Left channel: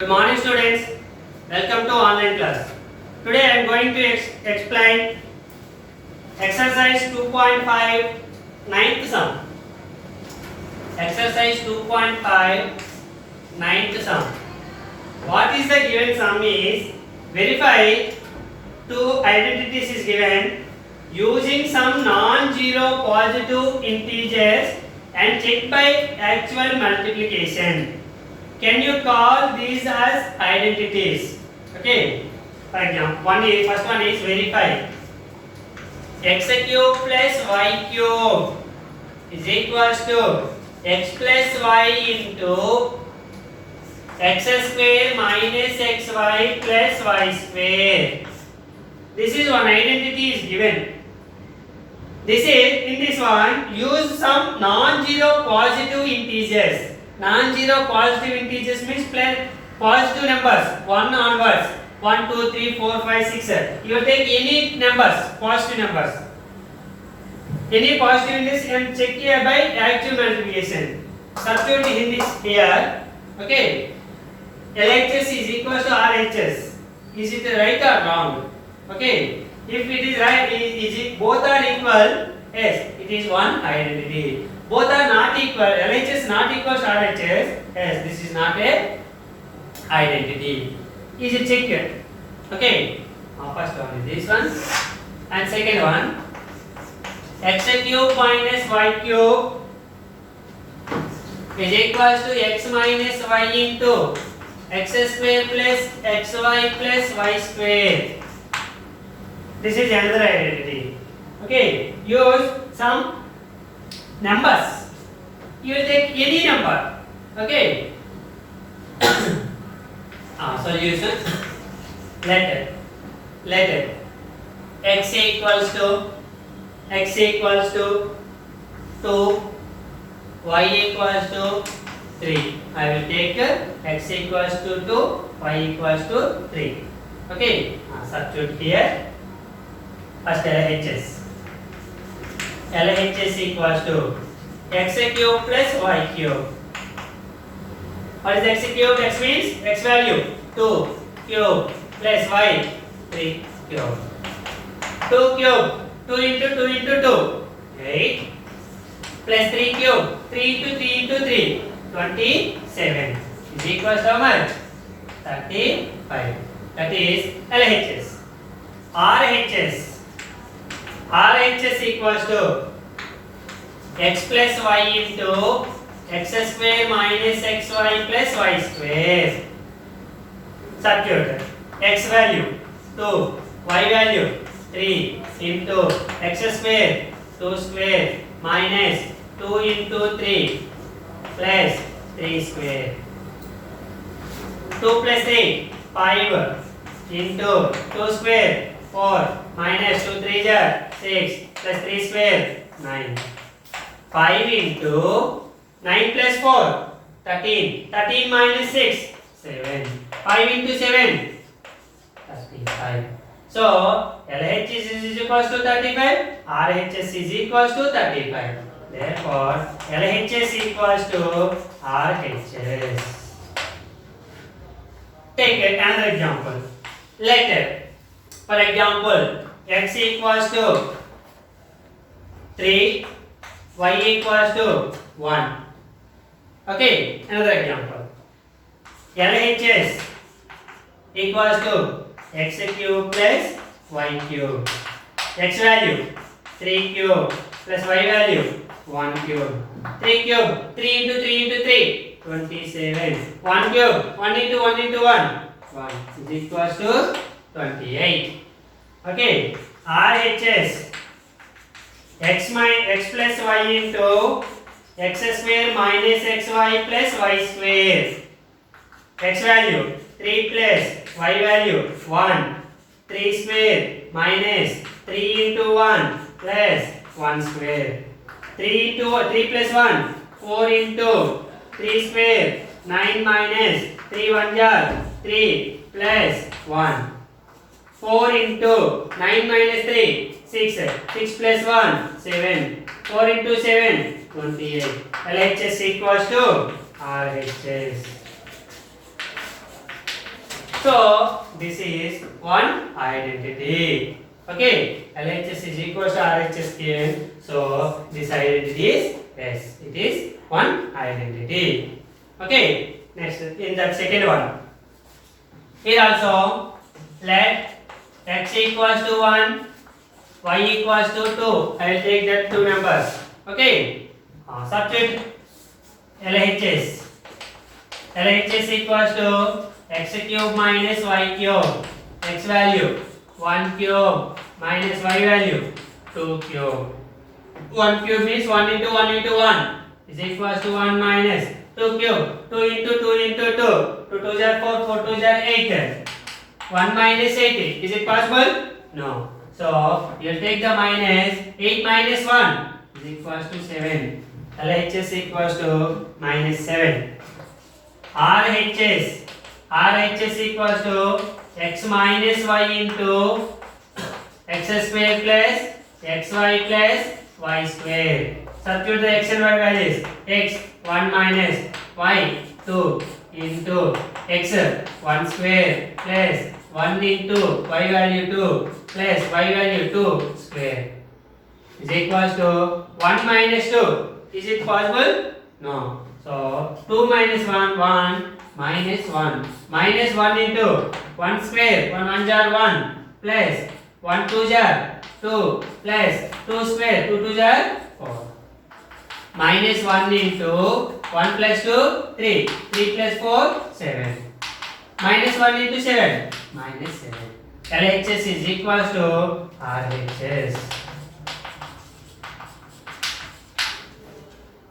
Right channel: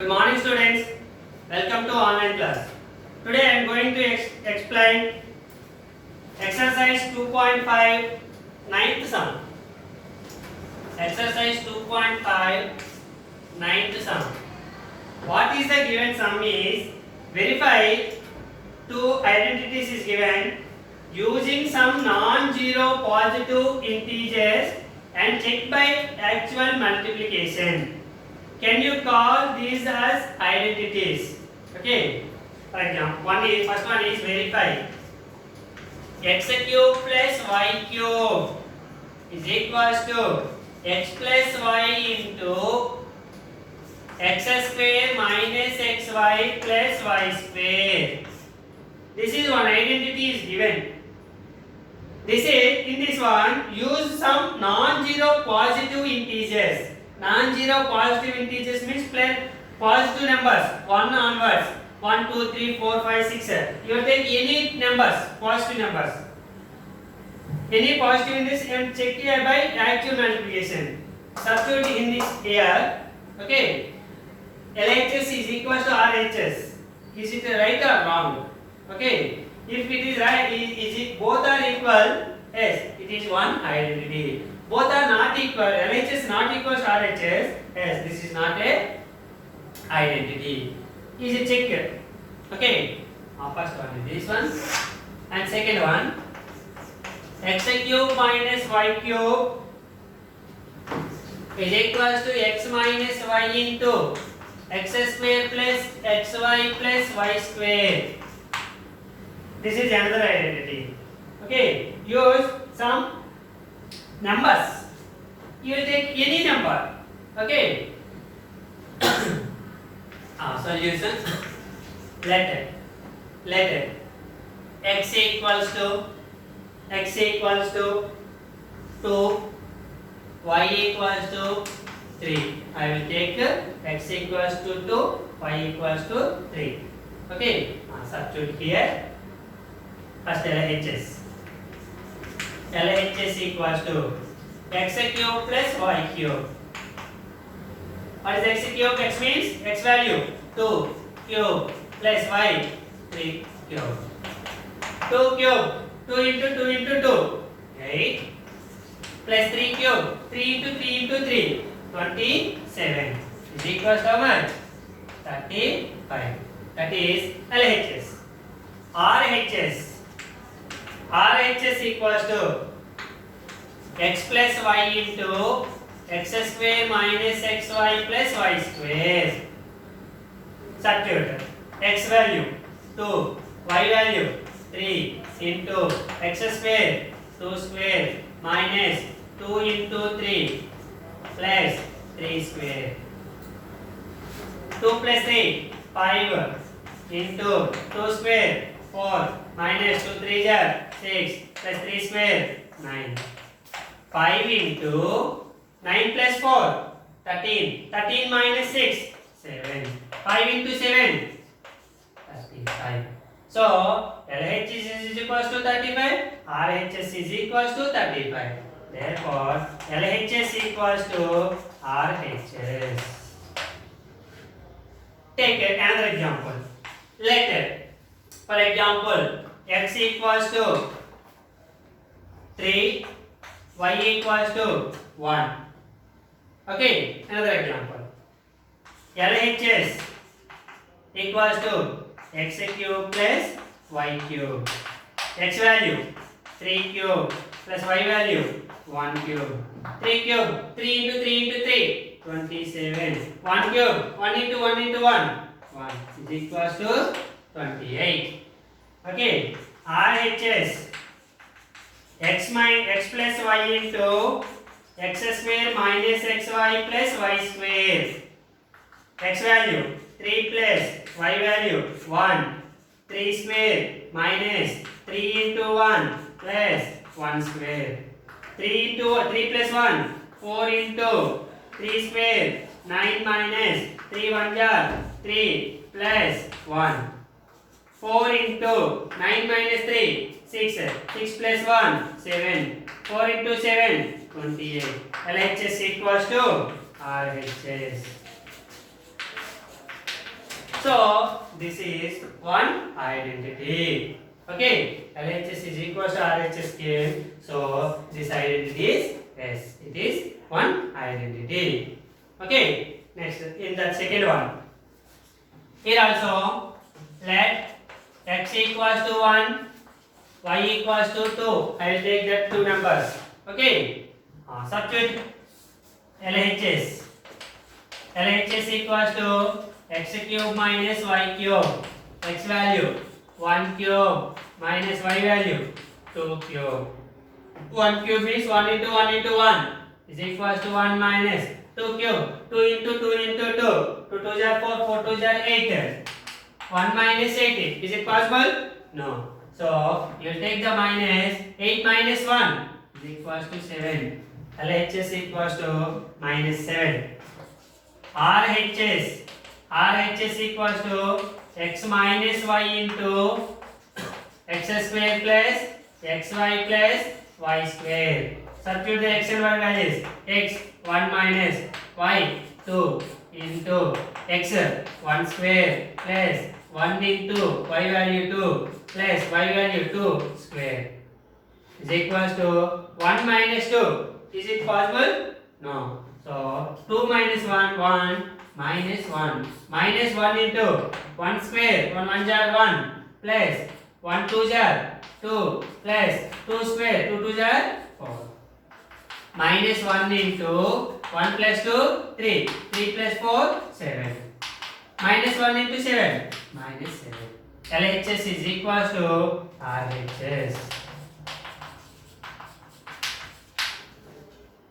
Good morning students, welcome to online class. Today I am going to explain exercise 2.5 ninth sum. Exercise 2.5 ninth sum. What is the given sum is verify two identities is given using some non-zero positive integers and check by actual multiplication. Can you call these as identities? Okay. For example, first one is verify. X cube plus y cube is equals to x plus y into x square minus xy plus y square. This is one identity is given. This is in this one use some non-zero positive integers. Non-zero positive integers means positive numbers 1 onwards 1 2 3 4 5 6 you take any numbers positive numbers any positive in this and check here by actual multiplication. Substitute in this here. Okay, LHS is equal to RHS. Is it right or wrong? Okay, if it is right, is it both are equal? Yes, it is one identity. Both are not equal. LHS not equal to RHS. Yes, this is not a identity. Is it check here? Okay. First one is this one, and second one, x cube minus y cube is equals to x minus y into x square plus xy plus y square. This is another identity. Okay. Use some numbers. You will take any number. Okay. Solution. Let x equals to 2, y equals to 3. I will take x equals to 2, y equals to 3. Okay. Substitute here. First LHS. LHS equals to x cube plus y cube. What is x cube? X means x value 2 cube plus y 3 cube. 2 cube 2 into 2 into 2 8 plus 3 cube 3 into 3 into 3 27 is equals to how much? 35. That is LHS. RHS equals to x plus y into x square minus xy plus y square. Substitute x value 2, y value 3 into x square 2 square minus 2 into 3 plus 3 square. 2 plus 3 5 into 2 square 4 minus 2 3 6 plus 3 square 9. 5 into 9 plus 4 13. 13 minus 6 7. 5 into 7 35. So LHS is equals to 35. RHS is equals to 35. Therefore LHS equals to RHS. Take another example. Let for example x equals to 3, y equals to 1. Okay, another example. LHS equals to x cube plus y cube. X value 3 cube plus y value 1 cube. 3 cube 3 into 3 into 3 27. 1 cube 1 into 1 into 1 1 is equals to 28. Okay, RHS x plus y into x square minus xy plus y square. X value 3 plus y value 1. 3 square minus 3 into 1 plus 1 square. 3 plus 1 4 into 3 square 9 minus 3 1 jar 3 plus 1. 4 into 9 minus 3 6. 6 plus 1 7. 4 into 7 28. LHS equals to RHS. So this is one identity. Okay, LHS is equals to RHS came. So this identity is yes, it is one identity. Okay, next in that second one. Here also let x equals to 1, y equals to 2. I will take that two numbers. Okay, substitute LHS. LHS equals to x cube minus y cube. X value 1 cube minus y value 2 cube. 1 cube means 1 into 1 into 1 is equals to 1 minus 2 cube. 2 into 2 into 2. 2 2s are 4, 4 2s are 8. 1 minus 8. Is it possible? No. So you will take the minus. 8 minus 1 is equals to 7. LHS equals to minus 7. RHS equals to x minus y into x square plus xy plus y square. Substitute the x and y values. X 1 minus y 2 into x 1 square plus 1 into y value 2 plus y value 2 square is equals to 1 minus 2. Is it possible? No. So 2 minus 1 1 minus 1 minus 1 into 1 square 1 1 jar 1 plus 1 2 jar 2 plus 2 square 2 2 jar 4 minus 1 into 1 plus 2 3 3 plus 4 7 minus 1 into 7 minus 7. LHS is equals to RHS.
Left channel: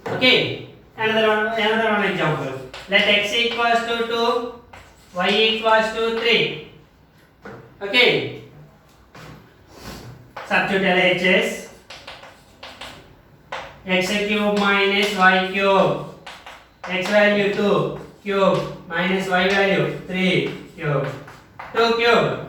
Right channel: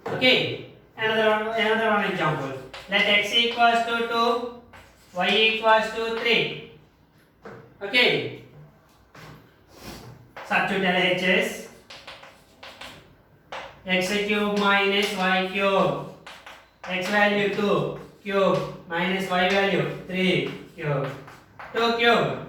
Okay, another one example. Let x equals to 2, y equals to 3. Okay, substitute LHS. X cube minus y cube. X value 2 cube minus y value 3 cube. 2 cube.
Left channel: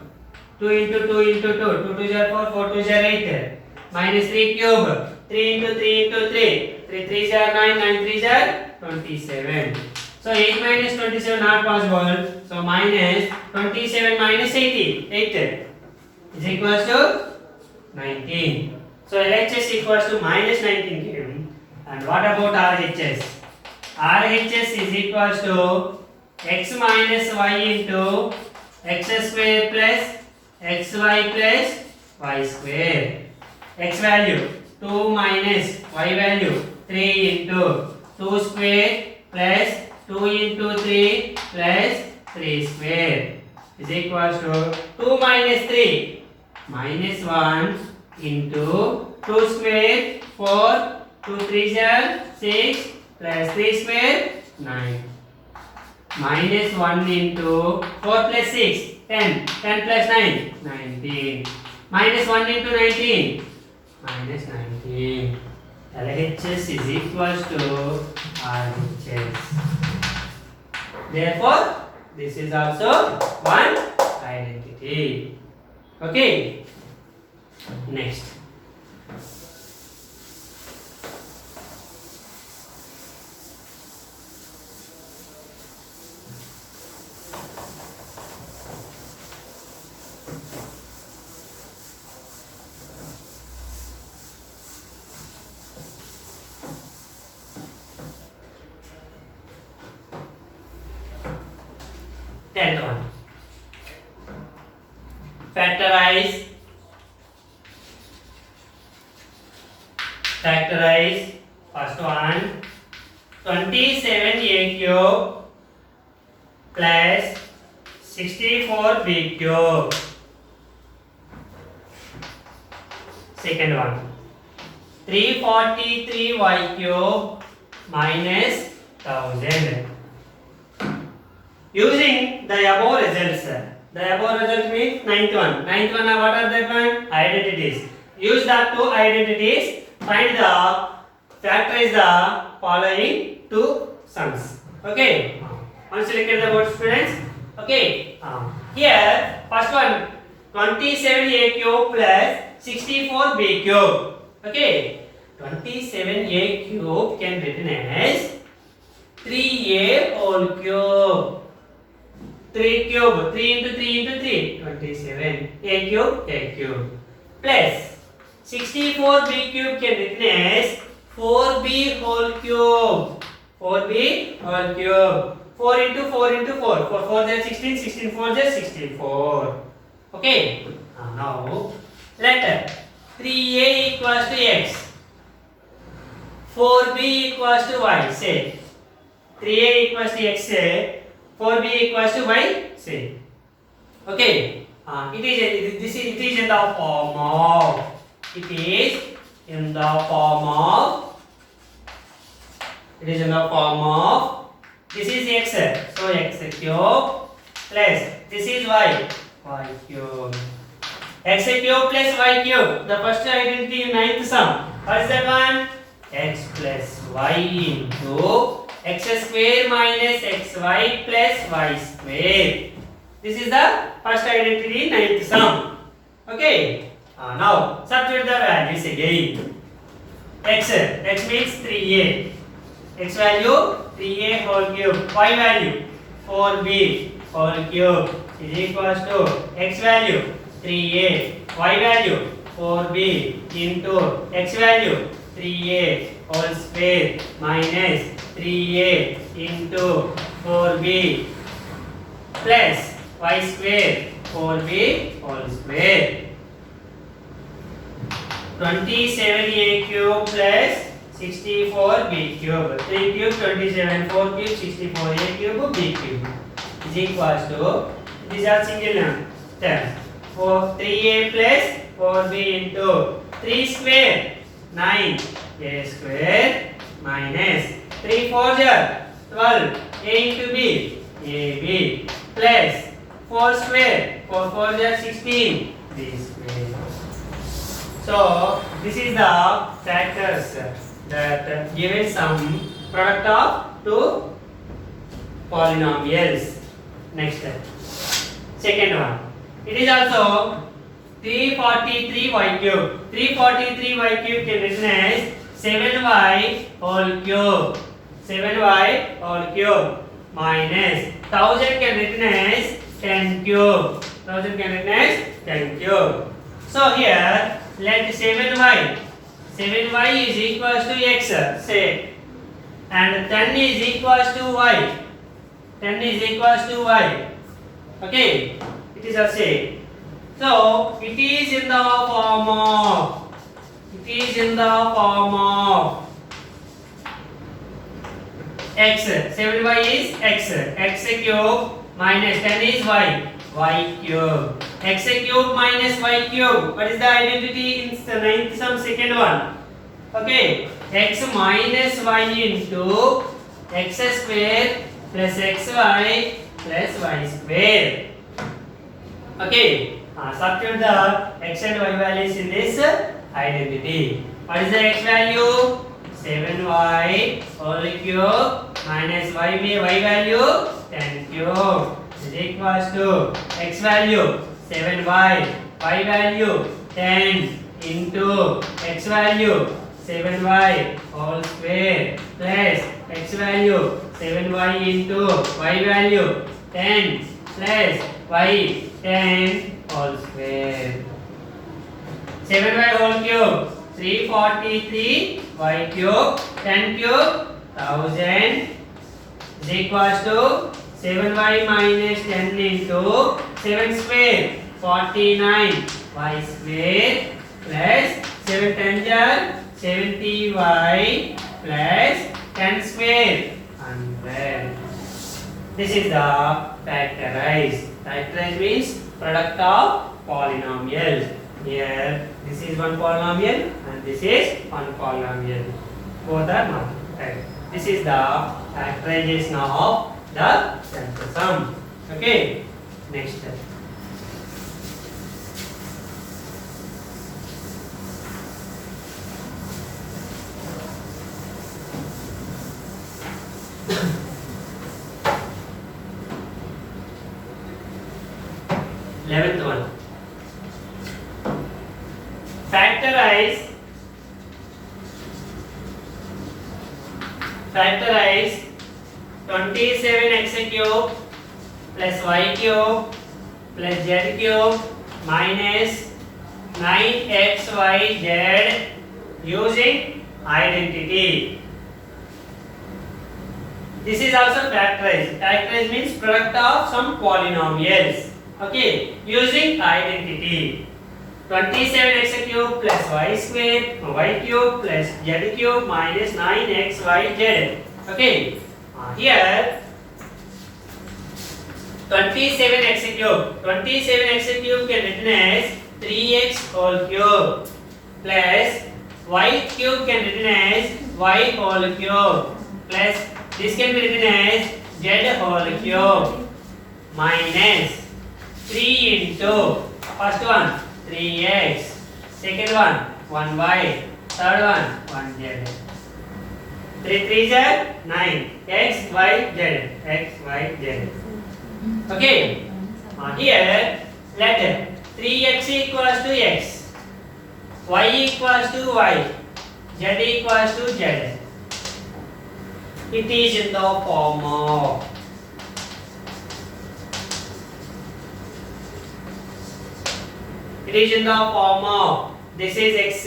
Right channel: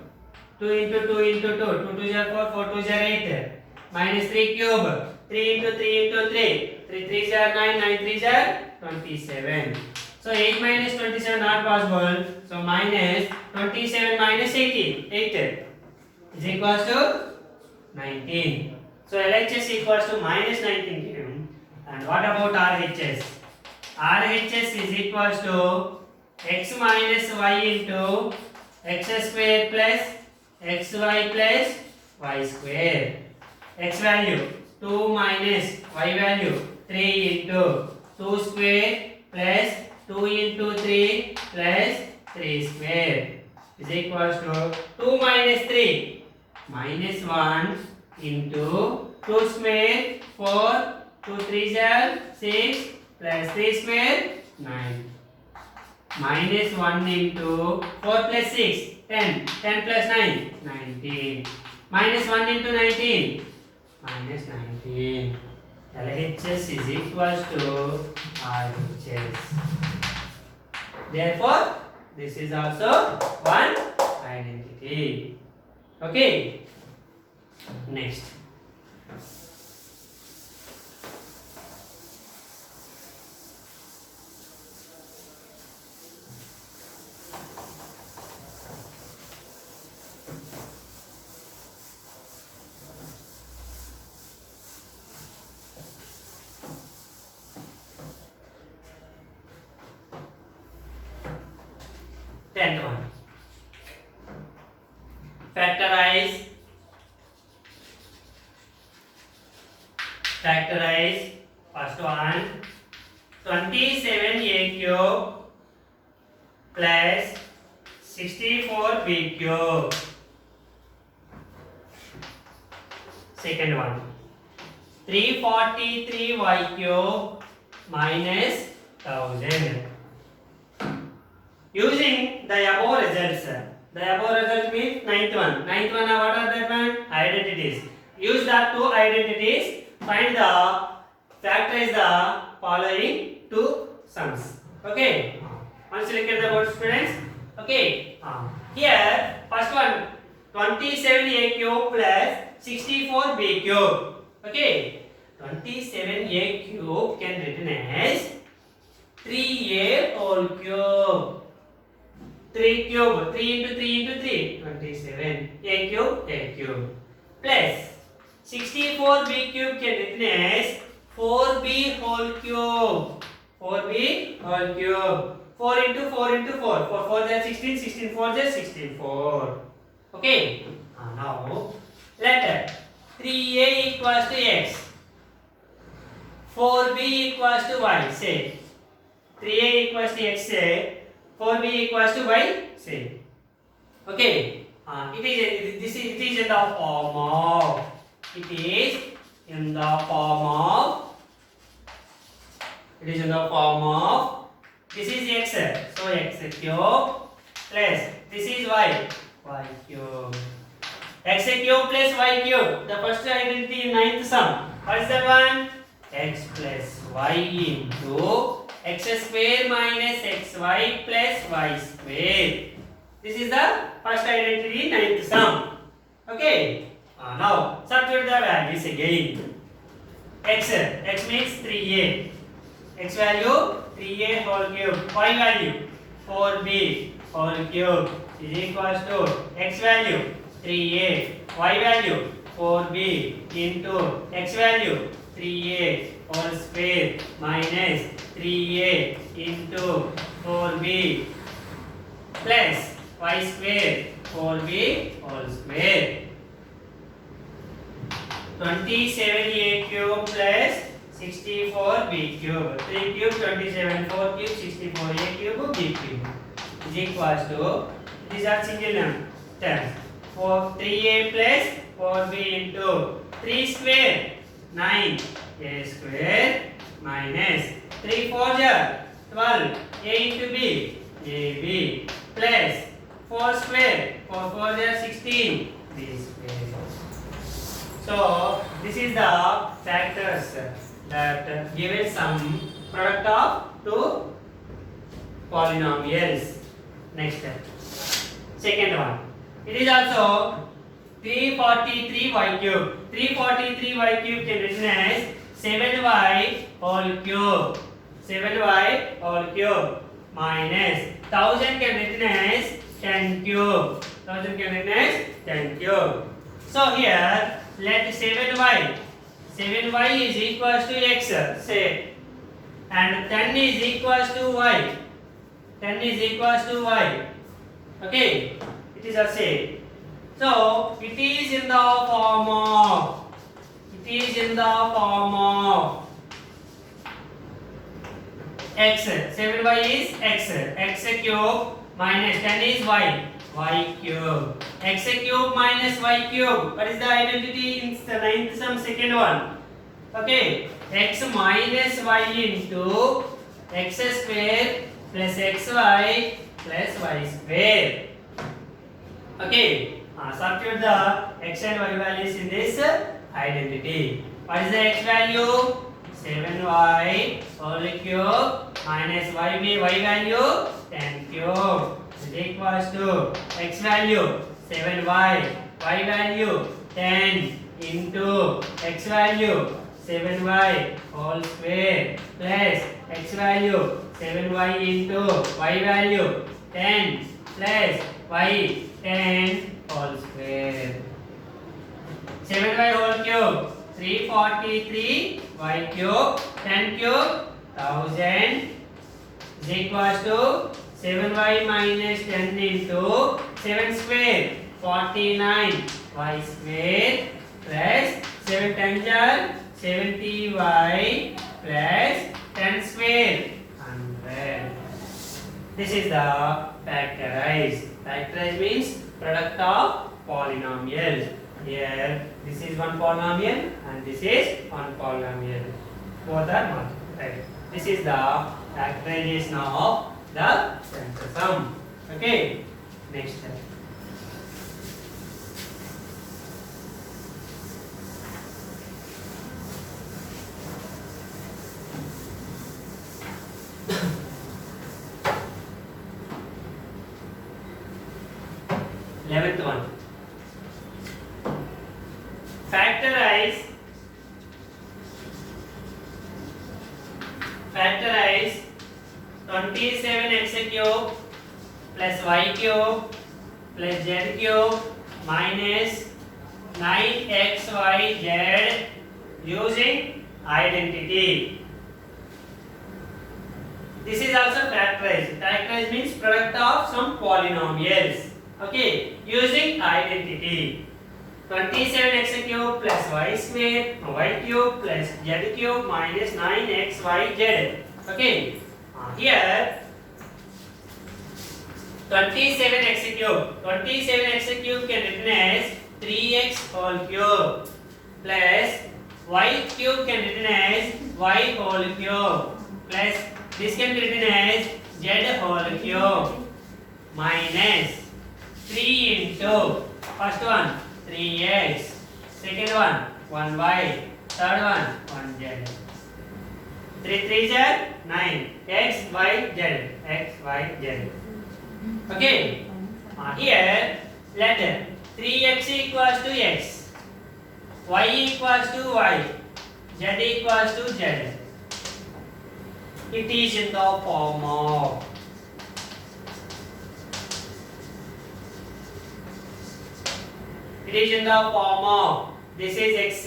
2 into 2 into 2. 2 2 are 4, 4 2 are 8. Minus 3 cube. 3 into 3 into 3. 3 3 are 9, 9 3 are 27. So 8 minus 27 not possible. So minus 27 minus 80. 8 is equals to 19. So LHS equals to minus 19 came. And what about RHS? RHS is equals to x minus y into x square plus xy plus y square. X value 2 minus y value 3 into 2 square plus 2 into 3 plus 3 square is equals to 2 minus 3 minus 1 into 2 square 4 2 3 are 6 plus 3 square 9 minus 1 into 4 plus 6 10 10 plus 9 19 minus 1 into 19 minus 19. LHS is equals to RHS. Therefore, this is also one identity. Okay. Next. Tenth one. Factorize first one 27a cube plus 64b cube. Second one 343y cube minus 1000. Using the above results, the above result means ninth one. Ninth one, what are that one? Identities. Use the two identities. Find the factorize the following two sums. Okay. Once you look at the board, students. Okay. Here, first one 27a cube plus 64b cube. Okay. 27a cube can be written as 3a whole cube 3 cube, 3 into 3 into 3, 27. A cube. Plus 64b cube can written as 4b whole cube. 4b whole cube. 4 into 4 into 4. 4 4 is 16, 16 4 is 64. Okay. Now let 3a equals to x. 4b equals to y. Say 3a equals to x. Say 4b equals to y. Say okay. It is in the form of. It is in the form of. It is in the form of. This is x. So x cube plus this is y. Y cube. X cube plus y cube. The first identity in ninth sum. What is that one? X plus y into x square minus xy plus y square. This is the first identity in ninth sum. Okay. Now substitute the values again. X means 3a. X value 3a whole cube. Y value 4b whole cube is equals to x value 3a. Y value 4b into x value 3a whole square minus 3a into 4b plus y square 4b whole square. 27a cube plus 64b cube. 3 cube 27, 4 cube 64a cube b cube is equals to, these are single terms. 3a plus 4b into 3 square 9 a square minus 3 4 12 a into b ab plus 4 square 4 4 16 b square. So this is the factors that given some product of two polynomials. Next, second one. It is also 343y cube. 343y cube can be written as 7y whole cube. 7y whole cube minus 1000 can be written as 10 cube. 1000 can be written as 10 cube. So here let 7y is equals to x, say, and 10 is equals to y. 10 is equals to y. Okay, it is a say. So it is in the form of. It is in the form of x. 7y is x. X cube minus 10 is y. Y cube. X cube minus y cube. What is the identity in the ninth sum? Second one. Okay. X minus y into x square plus xy plus y square. Okay. Substitute the x and y values in this identity. What is the x value? 7y whole cube minus y value 10 cube is equals to x value 7y, y value 10 into x value 7y whole square plus x value 7y into y value 10 plus y 10 whole square. 7y whole cube 343 y cube 10 cube 1000 is equals to 7y minus 10 into 7 square 49 y square plus 7 10 are 70y plus 10 square 100. This is the factorize. Factorize means product of polynomials. Here this is one polynomial and this is one polynomial. Both are multiplied. This is the factorization of the central sum. Okay. Next step. Eleventh one. Factorize 27x cube plus y cube plus z cube minus 9xyz using identity. This is also factorized. Factorized means product of some polynomials. Okay, using identity. 27x cube plus y square y cube plus z cube minus 9xyz. Okay, here 27x cube. 27x cube can written as 3x whole cube plus y cube can written as y whole cube plus this can be written as z whole cube minus 3 into first one 3x, second one 1y, third one 1z. 3 3s are 9 x y z x y z. Okay, here let 3x equals to x, y equals to y, z equals to z. It is in the form of this is x,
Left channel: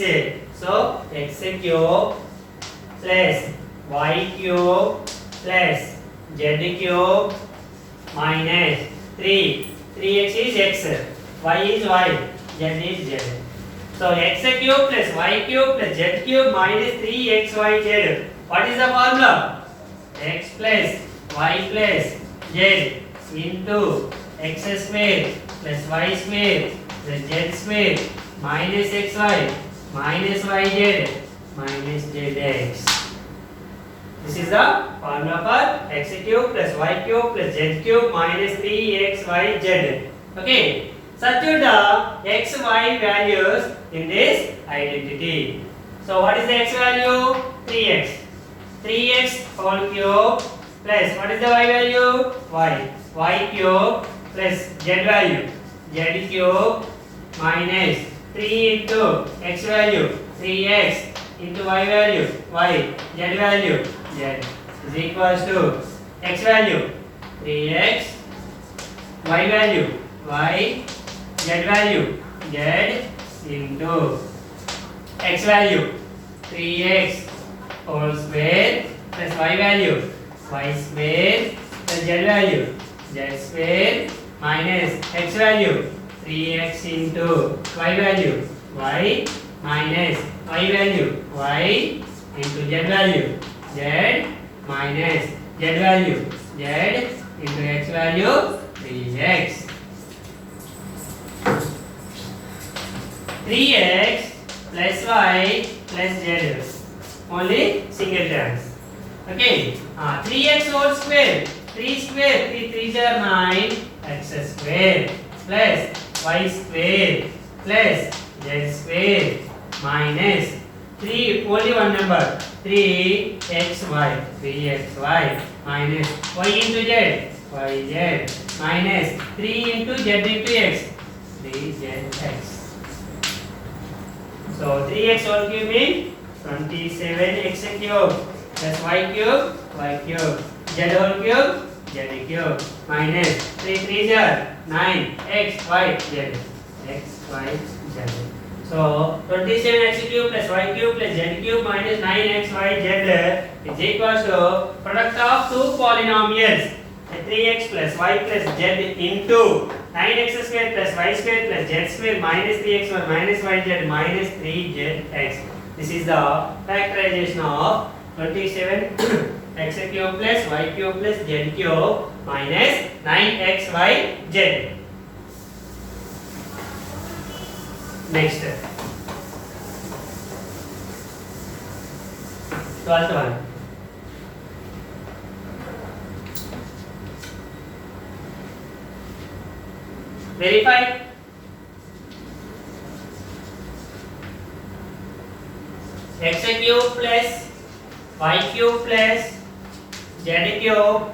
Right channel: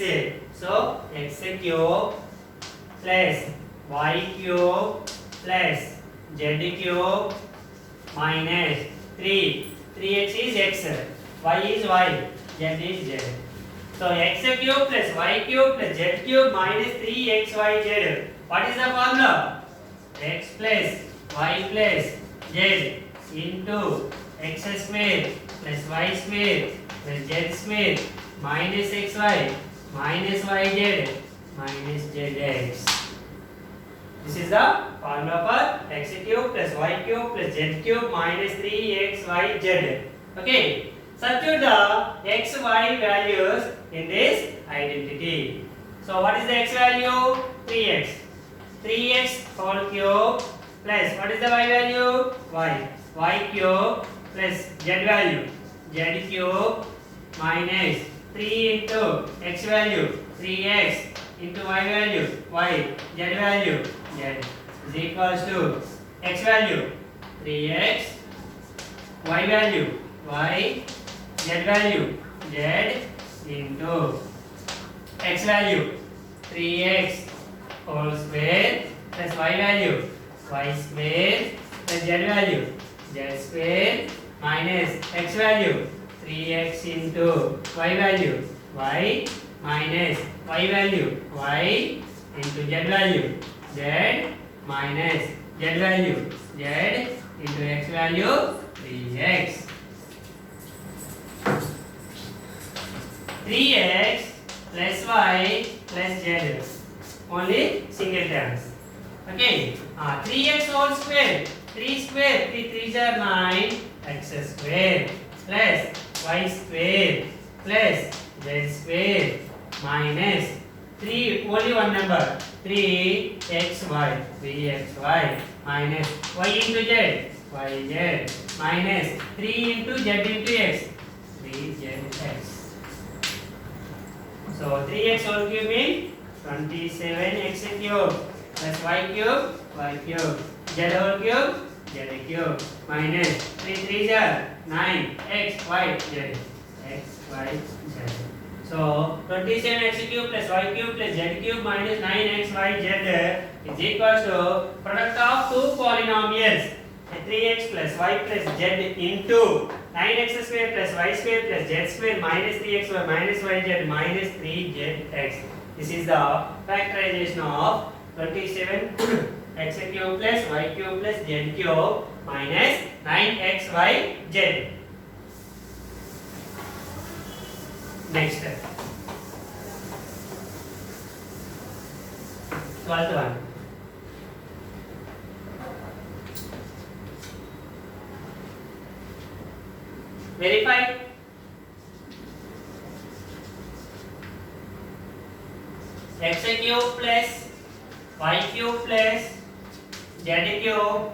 so x cube plus y cube plus z cube minus 3x is x, y is y, z is z. So x cube plus y cube plus z cube minus 3xyz. What is the formula? X plus y plus z into x square plus y square plus z square minus xy minus yz minus zx. This is the formula for x cube plus y cube plus z cube minus 3xyz. Okay, substitute the x, y values in this identity. So what is the x value? 3x. 3x whole cube plus what is the y value? Y. Y cube plus z value. Z cube minus 3 into x value. 3x into y value. Y. Z value. Z is equals to x value 3x, y value y, z value z into x value 3x whole square plus y value y square plus z value z square minus x value 3x into y value y minus y value y into z value z minus z value z into x value 3x. 3x plus y plus z only single terms. Okay, 3x whole square, 3 square, 3 3s are 9 x square plus y square plus z square minus 3 only one number 3xy, 3xy minus y into z, yz minus 3 into z into x, 3zx. So 3x whole cube means 27x cube plus y cube, z whole cube, z cube minus 3 3s are 9 x, y, z, x, y, z. So 27x cube plus y cube plus z cube minus 9xyz is equals to product of two polynomials 3x plus y plus z into 9x square plus y square plus z square minus 3xy minus yz minus 3zx. This is the factorization of 27x cube plus y cube plus z cube minus 9xyz. Next, 12th one. Verify. X cube plus y cube plus z cube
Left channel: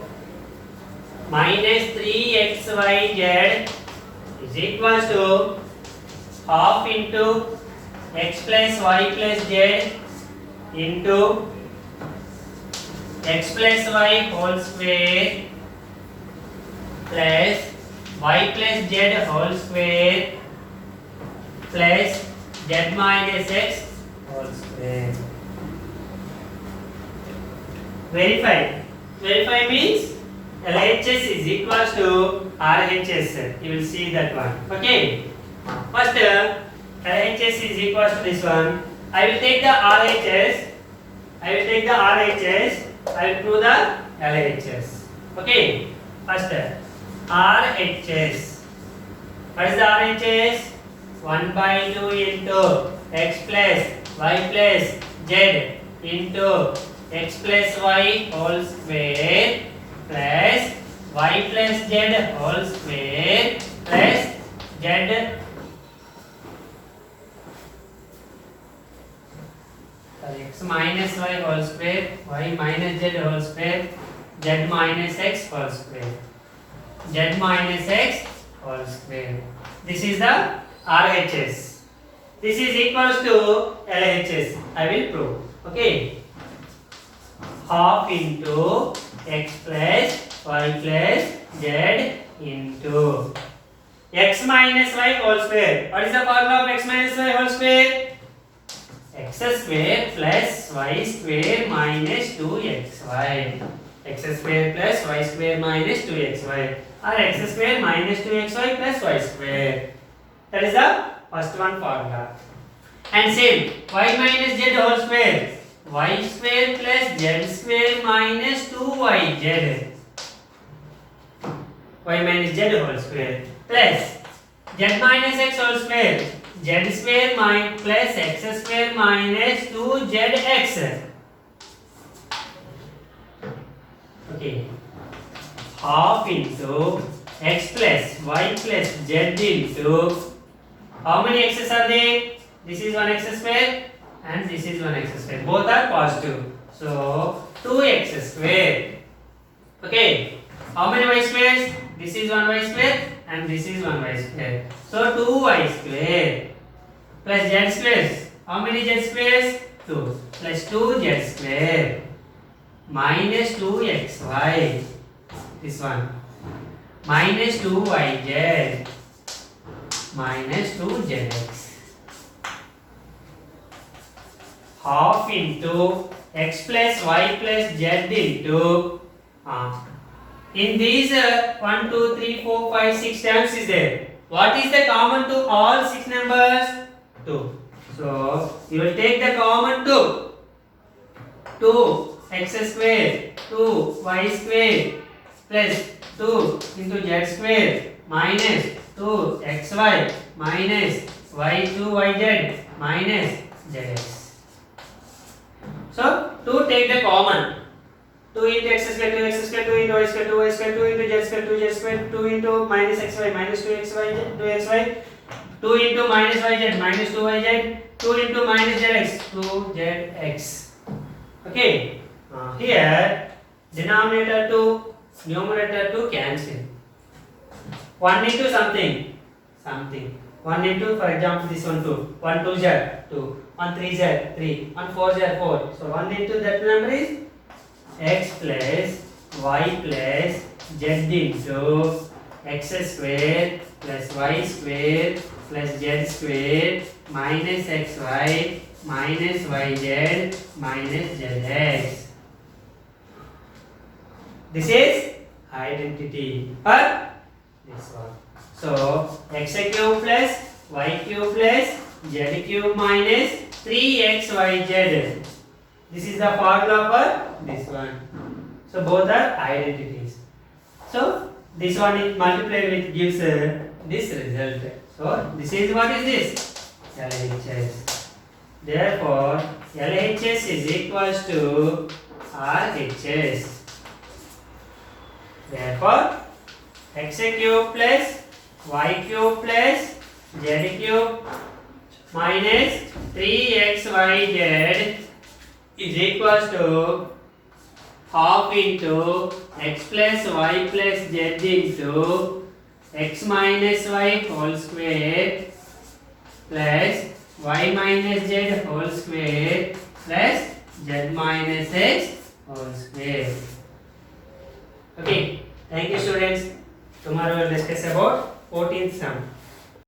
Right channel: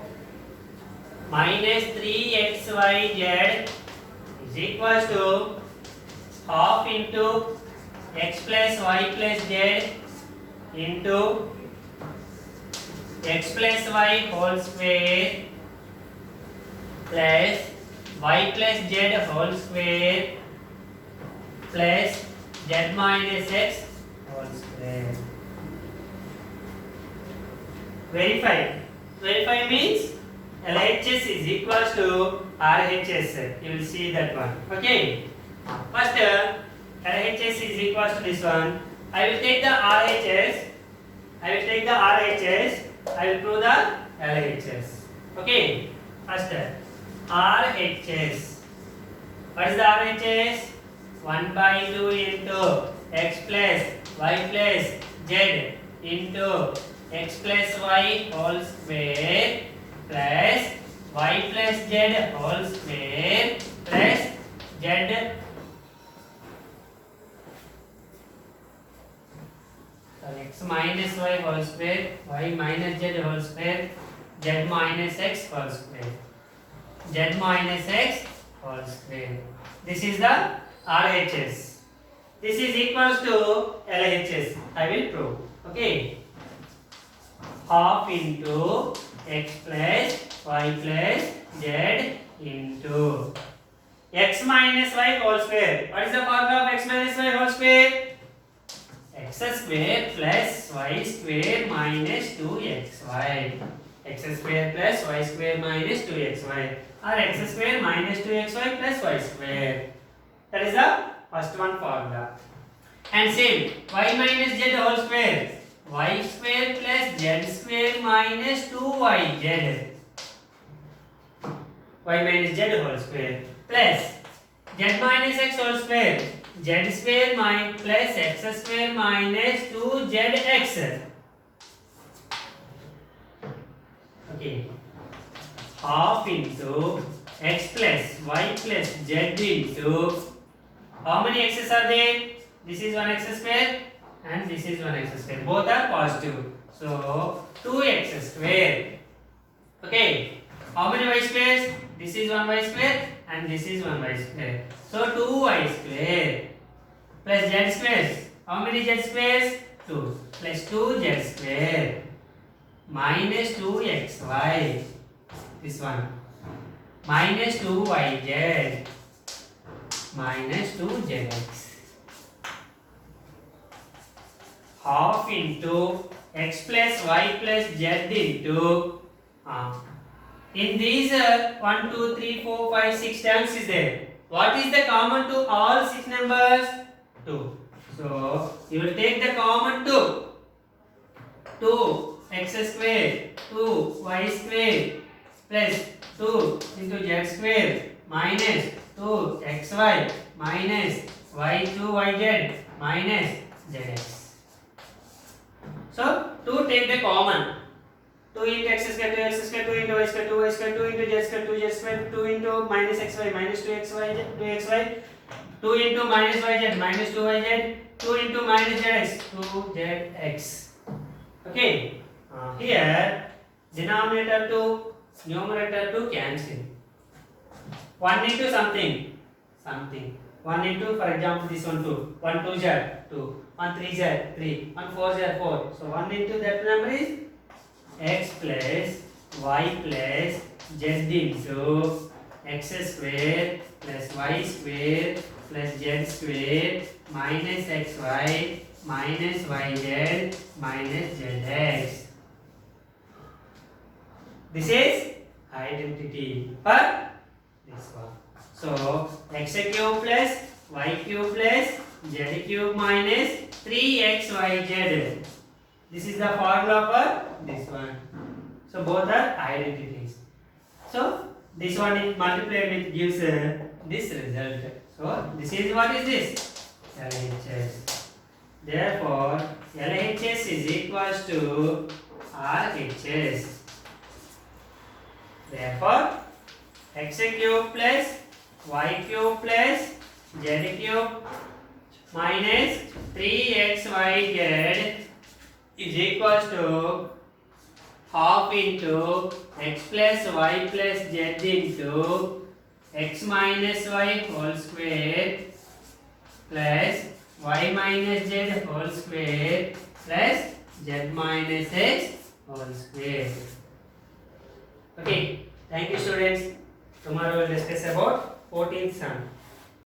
minus 3xyz is equals to half into x plus y plus z into x plus y whole square plus y plus z whole square plus z minus x whole square. Verify. Verify means LHS is equals to RHS. You will see that one. Okay. First, LHS is equals to this one. I will take the RHS. I will take the RHS. I will prove the LHS. Okay. First, RHS. What is the RHS? 1 by 2 into x plus y plus z into x plus y whole square plus y plus z whole square plus z x minus y whole square, y minus z whole square, z minus x whole square, z minus x whole square. This is the RHS. This is equals to LHS. I will prove. Okay. Half into x plus y plus z into x minus y whole square. What is the formula of x minus y whole square? X square plus y square minus 2xy. X square plus y square minus 2xy, or x square minus 2xy plus y square. That is the first one formula. And same, y minus z whole square, y square plus z square minus 2yz, y minus z whole square plus z minus x whole square, z square plus x square minus 2zx. Okay, half into x plus y plus z into, how many x's are there? This is 1x square and this is 1x square. Both are positive. So 2x square. Okay. How many y squares? This is 1y square and this is 1y square. So 2y square plus z squares. How many z squares? 2 plus 2z square minus 2xy. This one minus 2yz minus 2zx. Half into x plus y plus z into, in these 1, 2, 3, 4, 5, 6 terms is there. What is the common to all 6 numbers? 2. So you will take the common 2. 2 x square, 2 y square plus 2 into z square minus 2 xy minus y2yz minus zx. So 2 take the common. 2 into x square, 2x square, 2 into y square, 2y square, 2 into z square, 2z square, 2 into minus xy, minus 2xy, 2 into minus yz, minus 2yz, 2 into minus zx, 2zx. Okay. Here, denominator 2, numerator 2 cancel. 1 into something, something. 1 into, for example, this one 2. 1 2 z 2. 1 3 z 3. 1 4 z 4. So 1 into that number is x plus y plus z into x square plus y square plus z square minus xy minus yz minus zx. This is identity for this one. So x cube plus y cube plus z cube minus 3xyz. This is the formula for this one. So both are identities. So this one is multiplied with gives this result. So this is, what is this? LHS. Therefore LHS is equals to RHS. Therefore x cube plus y cube plus z cube minus 3xyz is equals to half into x plus y plus z into x minus y whole square plus y minus z whole square plus z minus x whole square. Okay, thank you students. Tomorrow we'll discuss about 14th sum.